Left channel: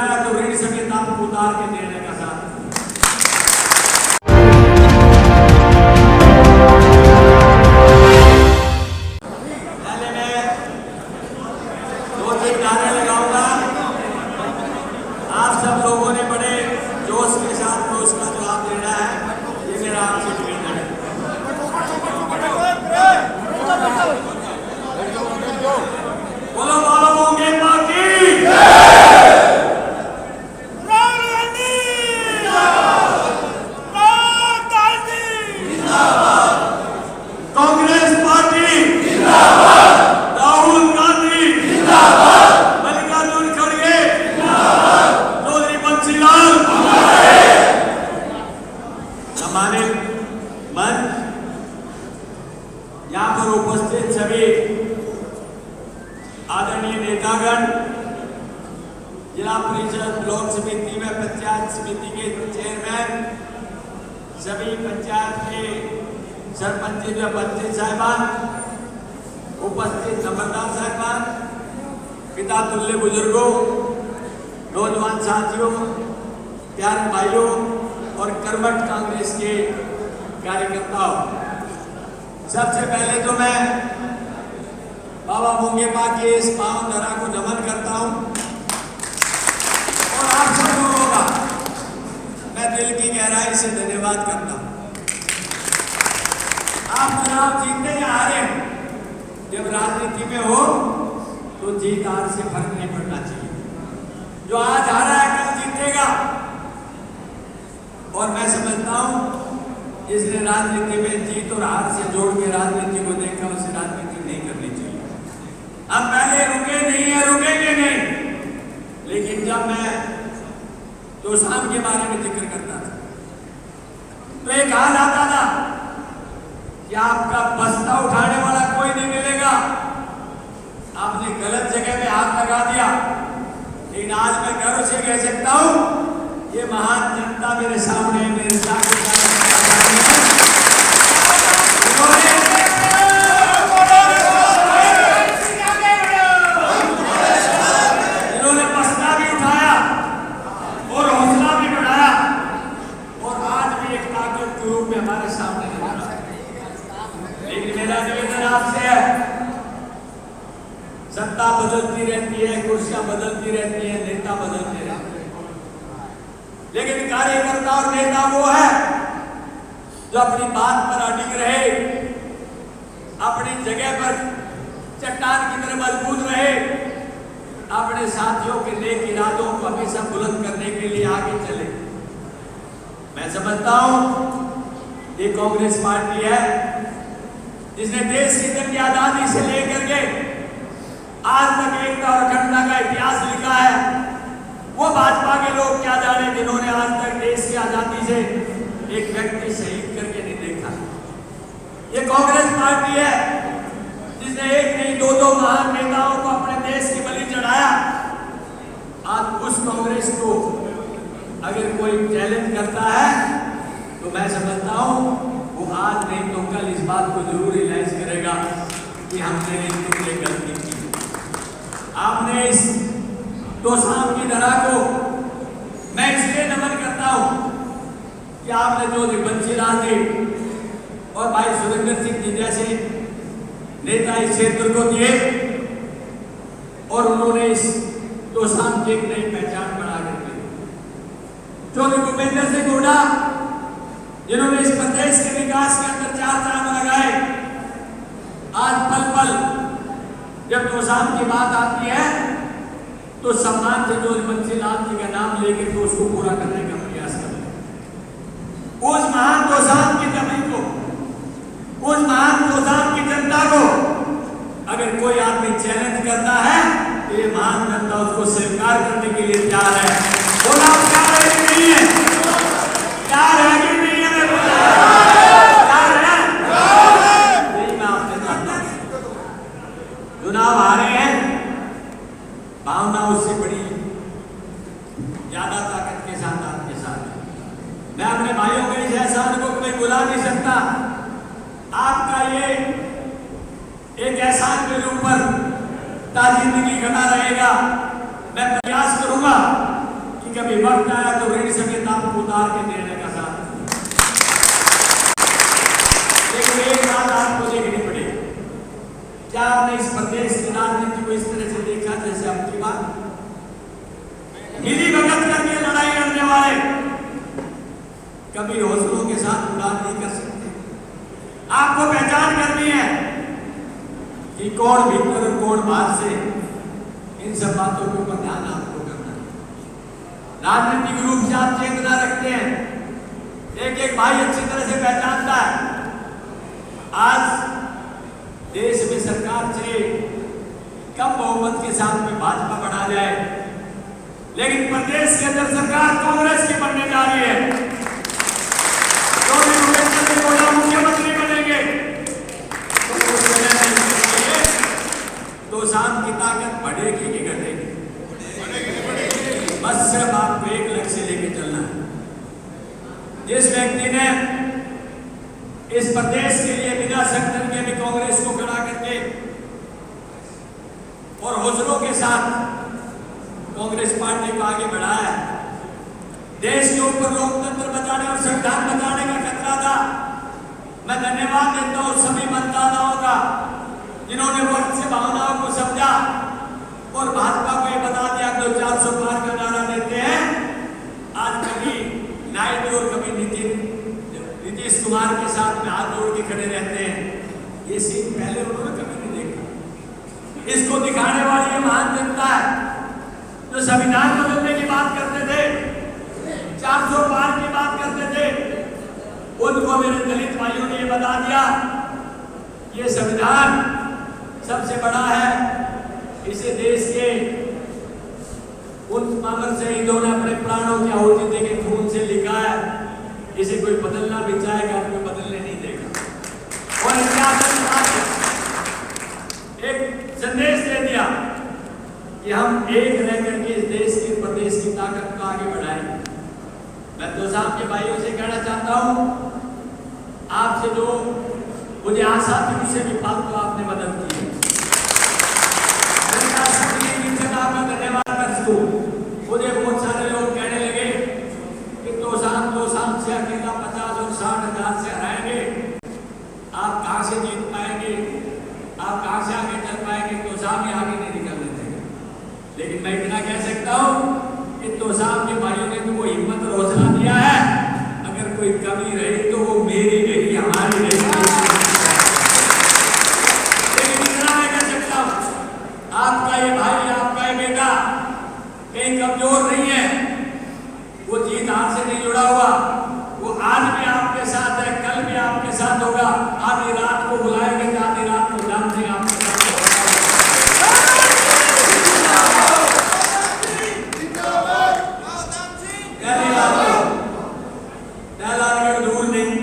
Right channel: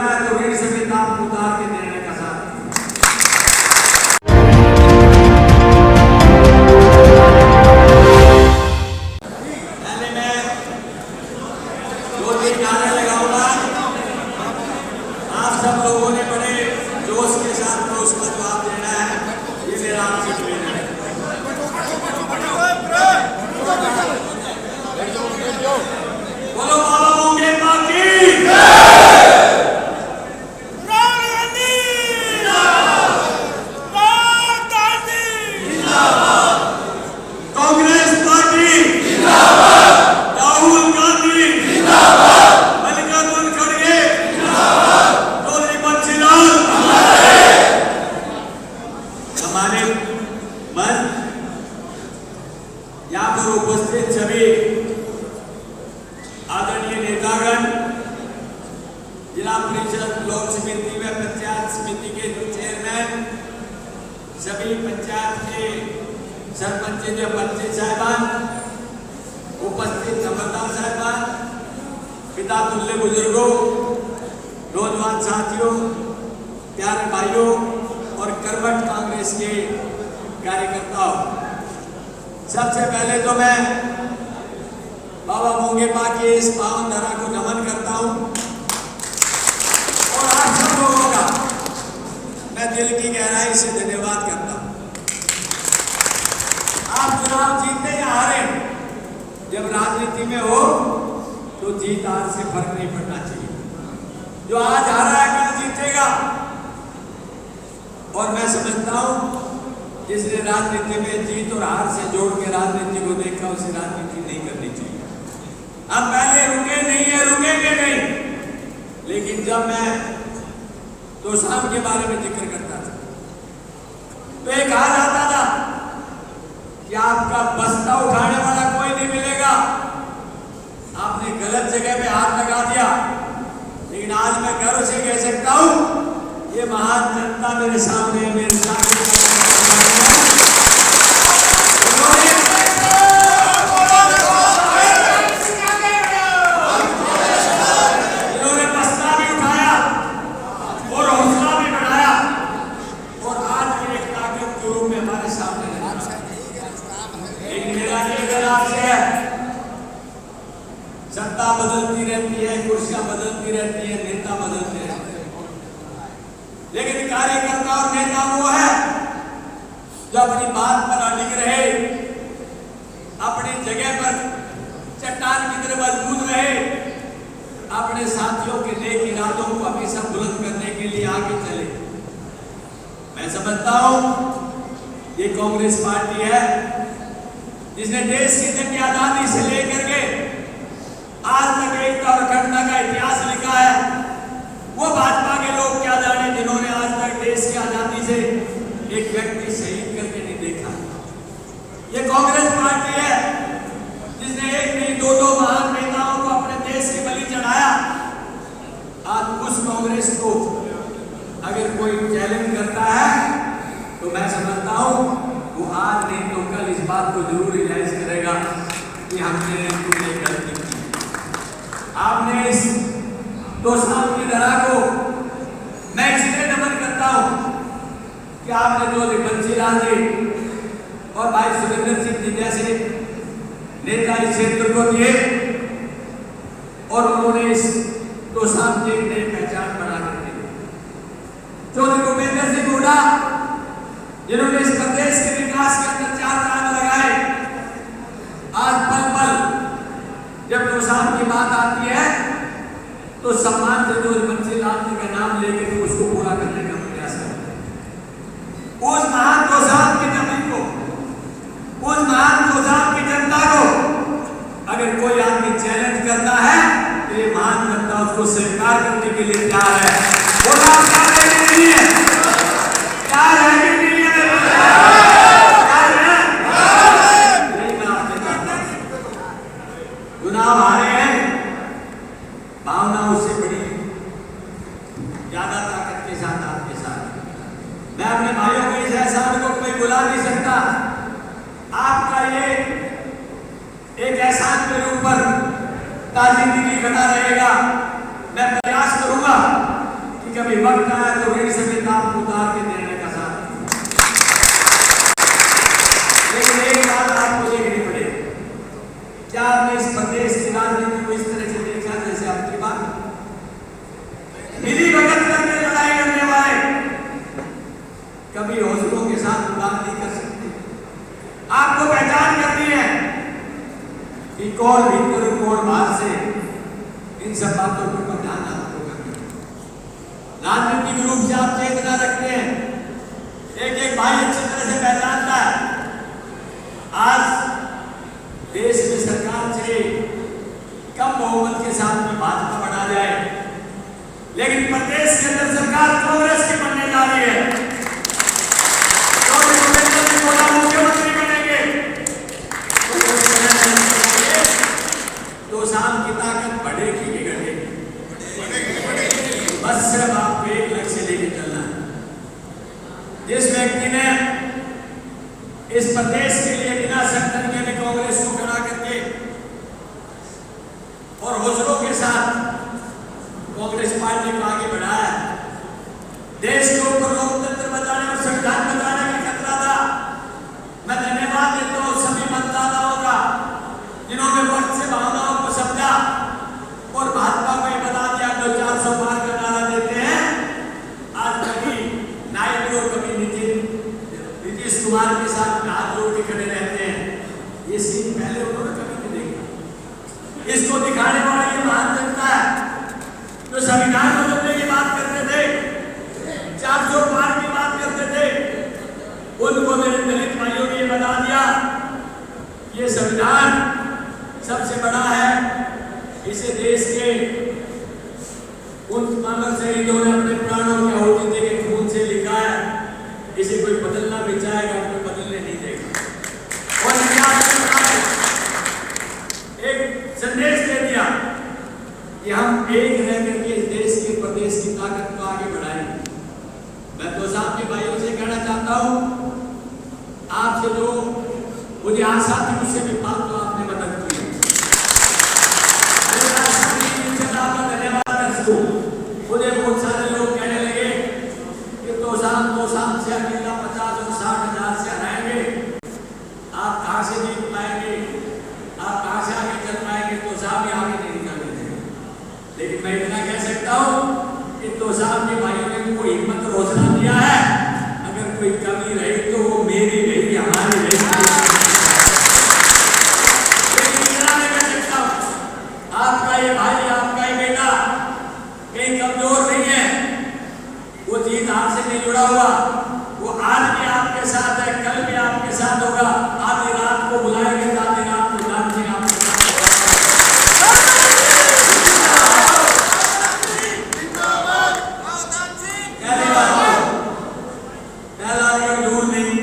बनाया तो ऋण समेत आपको उतार के देने का साथ। पहले मैं 2-3 नारे लगाऊंगा। आप सब लोगों ने बड़े जोश के साथ में उसका जवाब देना है, ये मेरा आपसे निवेदन है। बोलो बाबा मोंगे बाकी कांग्रेस पार्टी राहुल गांधी मल्लिकार्जुन खड़गे चौधरी बंसीलाल हमारे मन यहाँ पर उपस्थित सभी आदरणीय नेतागण, जिला परिषद ब्लॉक समिति व पंचायत समिति के चेयरमैन, सभी पंचायत के सरपंच व पंच साहिबान, उपस्थित नम्रता साहिबान, पिता तुल्य बुजुर्गों, नौजवान साथियों, प्यारे भाइयों और कर्मठ कांग्रेस के कार्यकर्ताओं, सबसे पहले तो मैं बाबा मोंगे बाकी इस पावन धरा को नमन करता हूं और आप सब लोगों का मैं दिल की गहराई से धन्यवाद करता हूं। आप चुनाव जीतते या हारे, जब राजनीति में हो तो जीत हार से फर्क नहीं पड़ना चाहिए। जो आज हारा है कल जीतेगा। और मैं समझता हूं जिसने राजनीति में जीत और हार से जोड़ के राजनीति को देखा, उसे राजनीति नहीं करनी चाहिए। हम पहले रुके नहीं है, रुकेंगे नहीं। लेकिन जब मैं तोशाम के बारे में जिक्र करता था तो एक हाल आता था कि आपका बस्ता उठाने वाला कोई नहीं मिलेगा। आपने गलत जगह पे हाथ लगा दिया। लेकिन आज मैं गर्व से कह सकता हूं, ये महान जनता मेरे सामने, मेरे सामने इन्होंने बस्ता भी उठाया और हौसला भी बढ़ाया और आज भी एक ताकत के रूप में हमारे सामने। लेकिन मेरा निवेदन आपसे है, सत्ता बदलती रहती है, कुर्सियां बदलती रहती है, नेता बदलते रहते हैं, लेकिन कार्यकर्ता और नेता वो है जो अपनी बात पर अडिग रहे, अपनी जगह पर चट्टान की तरह मजबूत रहे, अपने साथियों के नेक इरादों को हमेशा बुलंद करने के लिए आगे चले। मैं समझता हूं ये कांग्रेस पार्टी है जिसने देश की जंग की आजादी से लेकर के आज तक एकता और अखंडता का इतिहास लिखा है। वो भाजपा के लोग क्या जाने जिन्होंने आज तक देश की आजादी से एक व्यक्ति शहीद करके नहीं देखा। ये कांग्रेस पार्टी है जिसने एक नहीं दो महान नेताओं को अपने देश की बलि चढ़ाया। आज उस कांग्रेस को अगर कोई चैलेंज करता है तो मैं समझता हूं वो आज नहीं तो कल इस बात को जरूर रियलाइज करेगा कि हमने ये गलती की। आपने इस तोशाम की धरा को मैं इसलिए नमन करता हूं कि आपने जो बंसीलाल जी और भाई सुरेंद्र सिंह जी जैसे नेता इस क्षेत्र को दिए और उन्होंने इस तोशाम की एक नई पहचान बना कर दी। चौधरी भूपेंद्र सिंह हुड्डा जिन्होंने इस प्रदेश के विकास के अंदर 4 चांद लगाए, आज पल पल जब तोशाम की बात आती है तो सम्मान से चौधरी बंसीलाल जी का नाम लेकर के उसको पूरा करने का प्रयास करते हैं। उस महान तोशाम की जमीन को, उस महान तोशाम की जनता को अगर कोई आदमी चैलेंज करता है तो ये महान जनता उसको स्वीकार करने के लिए तैयार है। बोला तैयार है कि नहीं है? तैयार है कि नहीं है? तैयार है? यही मैं आपसे जानता हूं। चुनाव हारे हैं, भावना उससे बड़ी ज्यादा ताकत के साथ आपके साथ। मैं अपने भाइयों को इस एहसान को कोई बुला नहीं सकता। आपका ये एक एहसान मेरे ऊपर जिंदगी खड़ा रहेगा। मैं प्रयास करूंगा कभी वक्त आया तो ऋण समेत आपको उतार के देने का साथ दूंगा। लेकिन एक बात आपको देखनी पड़ेगी, क्या आपने इस प्रदेश की राजनीति को इस तरह से देखा जैसे आपकी बात मिली भगत करके लड़ाई लड़ने वाले कभी हौसलों के साथ उड़ान नहीं कर सकते। आपको पहचान करनी है कि कौन भीतर और कौन बाहर से, इन सब बातों को ध्यान आपको करना है। राजनीतिक रूप से आप चेतना रखते हैं, एक एक भाई अच्छी तरह से पहचानता है। आज देश में सरकार से कम बहुमत के साथ में भाजपा बढ़ा जाए, लेकिन प्रदेश के अंदर सरकार कांग्रेस की बनने जा रही है। मुख्यमंत्री करेंगे तो शाम की ताकत बढ़ेगी कि घटेगी? बस सिर्फ आपको एक लक्ष्य लेके चलना है। जिस व्यक्ति ने इस प्रदेश के लिए बिना शक तरीके में कांग्रेस को खड़ा करके और हौसलों के साथ कांग्रेस पार्टी को आगे बढ़ाया, देश के ऊपर लोकतंत्र बचाने और संविधान बचाने का खतरा था। मैं धन्यवाद देता हूं सभी मतदाताओं का जिन्होंने वक्त से भावनाओं को समझा और भाजपा को ये बता दिया जो 400 पार का नारा देते हैं। आज कभी नायडू और कभी नीतीश कुमार के साथ में हाथ जोड़ के खड़े रहते हैं। ये सीन पहले उन्होंने कभी नहीं देखा। इसको दिखाने वाली ये महान जनता है जो संविधान बदलने की बात करते थे, 400 पार की बात करते थे, उनको मेरे दलित भाइयों ने ये बता दिया ये संविधान सबसे बड़ा है। इसे देश के उन मानव शहीदों ने अपने प्राणों की आहुति देके खून से लिखा है। इसे कोई बदलना भी चाहेगा और कोई बदलने नहीं देगा। और एक संदेश दे दिया कि हम एक रह करके इस देश की प्रदेश की ताकत को आगे बढ़ाएं। मैं तो साहब के भाइयों से कहना चाहता हूं, आपसे जो मुझे आशा थी उससे भी फालतू आपने मदद की है। आपका धन्यवाद दर्शकों। मुझे बहुत सारे लोग कहने लगे कि तो साहब से अकेला 50 और 60 हजार से हराएंगे, आप कहां से जीत पाएंगे, आप कहां से आगे चल पाएंगे? तो साहब ही आगे नहीं निकलने देंगे। लेकिन मैं इतना कह सकता हूं कि तो साहब के भाइयों ने तुमको हिम्मत और हौसला दिया है। अगर कोई कमी रही तो वो मेरी रही, हमारी रही। लेकिन इतना मैं कह सकता हूं, आपका ये भाई, आपका ये बेटा कहीं कमजोर नहीं है। वो जीत हार से नहीं जुड़ा हुआ, वो आज भी आपके साथ है, कल भी आपके साथ होगा। आधी रात को बुलाएंगे तो आधी रात को जान जी आपके साथ दूर नहीं।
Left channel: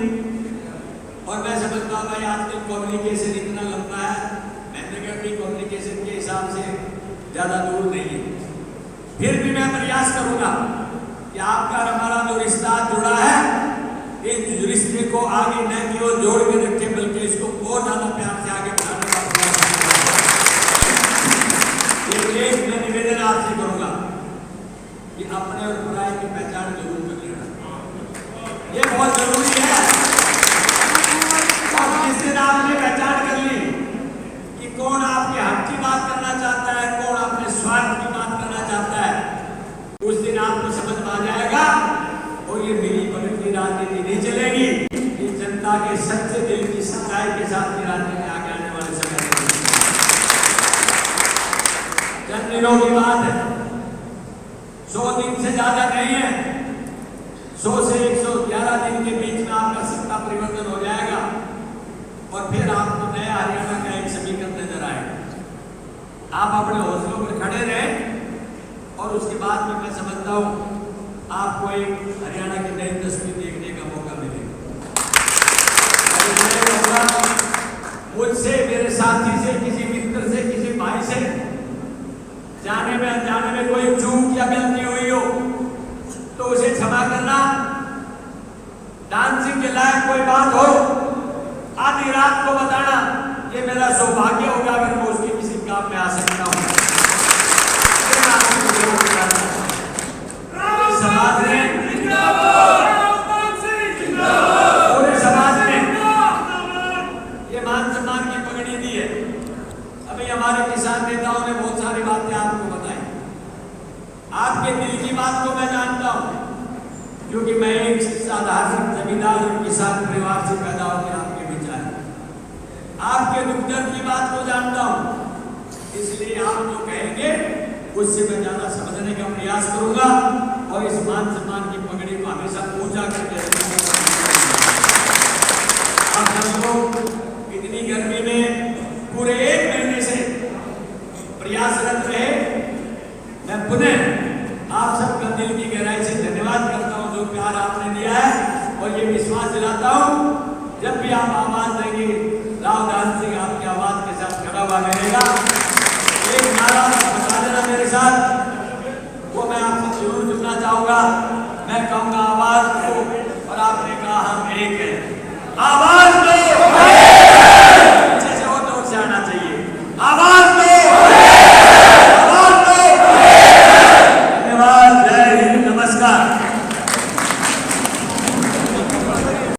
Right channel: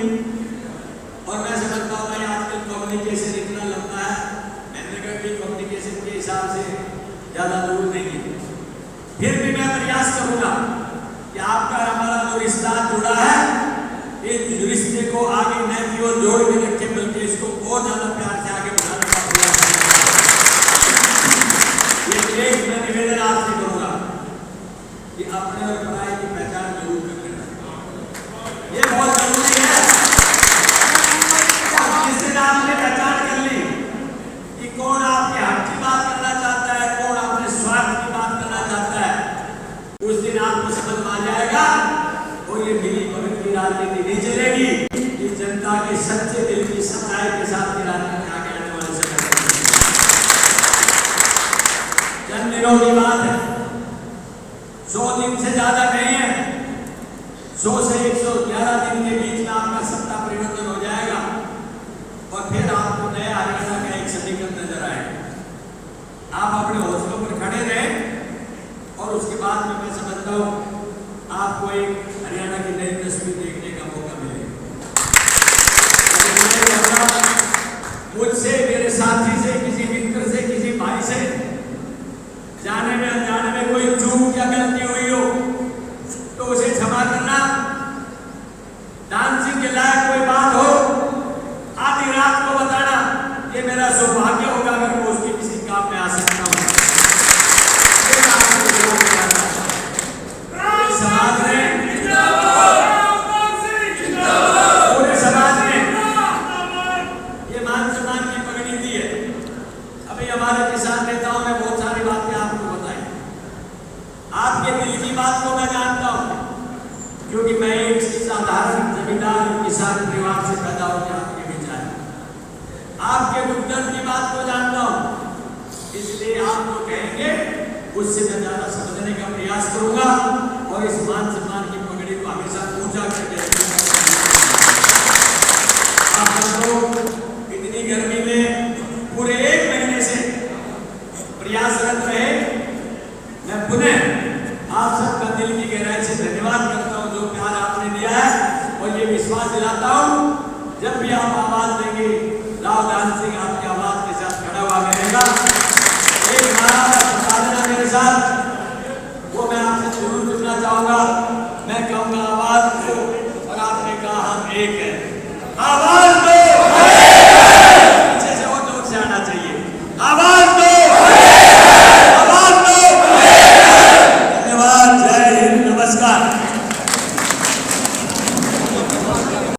और मैं समझता हूँ भाई आजकल कम्युनिकेशन इतना लंबा है, महेंद्रगढ़ भी कम्युनिकेशन के हिसाब से ज्यादा दूर नहीं है। फिर भी मैं प्रयास करूंगा कि आपका हमारा जो रिश्ता जुड़ा है, इस रिश्ते को आगे न की ओर जोड़ के रखे, बल्कि इसको और ज्यादा प्यार से आगे बढ़ाने का प्रयास। ये एक मैं निवेदन आपसे करूंगा कि अपने और पराये की पहचान जरूर कर लेना, ये बहुत जरूरी है। जिस दिन आपने पहचान कर ली कि कौन आपके हक की बात करना चाहता है, कौन अपने स्वार्थ की बात करना चाहता है, उस दिन आपको समझ में आ जाएगा और ये मिली भगत की राजनीति नहीं चलेगी। ये जनता के सच्चे दिल की सच्चाई के साथ की राजनीति आगे आने वाले समय चंद दिनों की बात है, 100 दिन से ज्यादा नहीं है। 100 से 111 दिन के बीच में आपका सत्ता परिवर्तन हो जाएगा और फिर आपको नया हरियाणा का एक समीकरण नजर आएगा। आप अपने हौसलों पर खड़े रहें और उसके बाद में मैं समझता हूँ आपको एक हरियाणा की नई तस्वीर देखने का मौका मिलेगा। मुझसे, मेरे साथी से, किसी मित्र से, किसी भाई से जाने में अनजाने में कोई चूक या गलती हुई हो तो उसे क्षमा करना। डांसिंग के लायक कोई बात हो आधी रात को बताना, ये मेरा सौभाग्य होगा अगर मैं उसके किसी काम में आ सकता हूँ। बात को मैं जानता हूं, क्योंकि मैं एक साधारण जमींदार और किसान परिवार से पैदा होकर आपके बीच आया। आपके दुख दर्द की बात को जानता हूं, इसलिए आप जो कहेंगे उससे मैं ज्यादा समझने का प्रयास करूंगा और इस मान सम्मान की पगड़ी को हमेशा ऊंचा करके रखूंगा। आप सब लोग इतनी गर्मी में पूरे 1 महीने से प्रयासरत रहे। मैं पुनः आप सबका दिल की गहराई से धन्यवाद करता हूं, जो प्यार आपने दिया है, और ये विश्वास दिलाता हूं जब भी आप आवाज देंगे